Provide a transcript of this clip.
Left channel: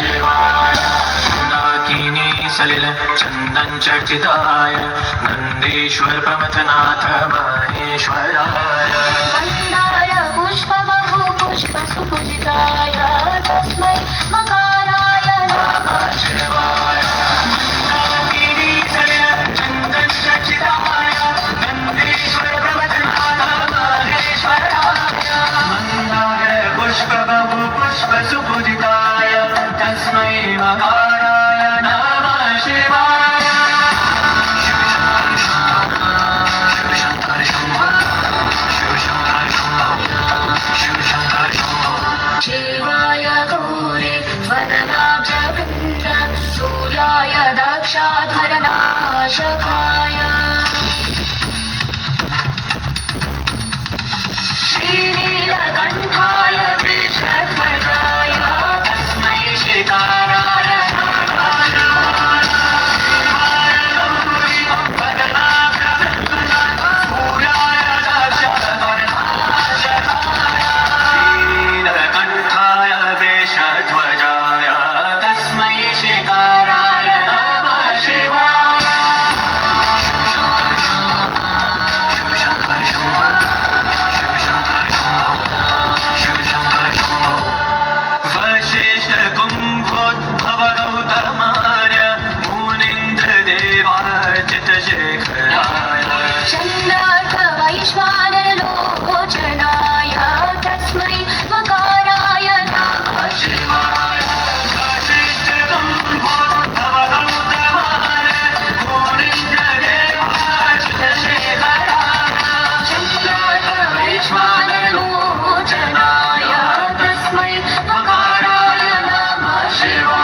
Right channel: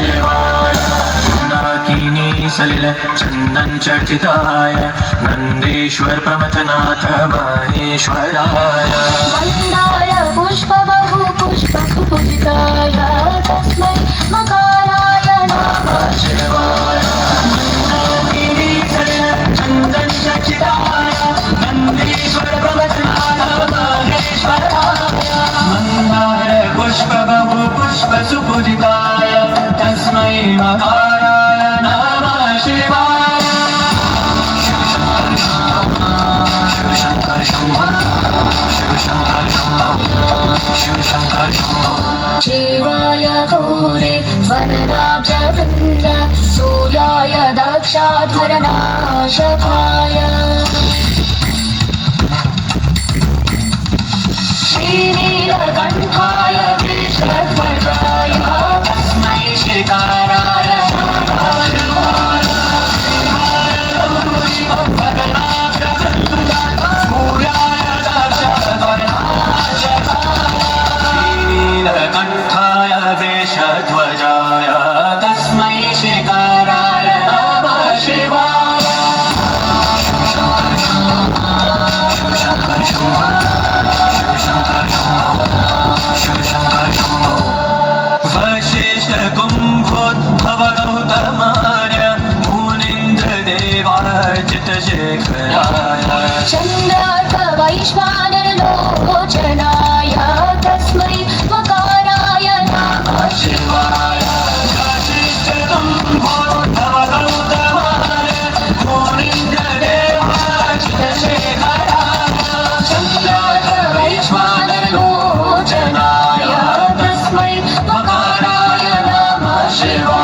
शिवाय सलिल चंदन चर्चिताय नंदीश्वर प्रमथनाथ महेश्वराय गंधाय पुष्पबहु पुष्पसुपूजिताय तस्मै मकाराय नमः शिवाय चंदन चर्चिताय नंदीश्वर प्रमथनाथ महेश्वराय मंदार पुष्पबहु पुष्पसुपूजिताय तस्मै मकाराय नमः शिवाय शिव शंकर शंभो शिव शंकर शंभो शिव शंकर शंभो शिवाय गौरे वरदाचवृन्द सूर्याय दक्षाधरनाशकाय श्रीनीलकण्ठाय वृषध्वजाय तस्मै श्रीकाराय नीलकण्ठाय वेषध्वजाय तस्मै श्रीकाराय नमः शिवाय शिव शंकर शंभो शिव शंकर शंभो शिव शंकर शंभो वशिष्ठ कुम्भोद्भव गौतमार्य मुनीन्द्र देवार्चित शेखराय चन्द्रार्क वैश्वानरलोचनाय तस्मै मकाराय नमः शिवाय वशिष्ठ कुम्भोद्भव गौतमार्य मुनीन्द्र देवार्चित शेखराय चन्द्रार्क वैश्वानरलोचनाय तस्मै मकाराय नमः शिवाय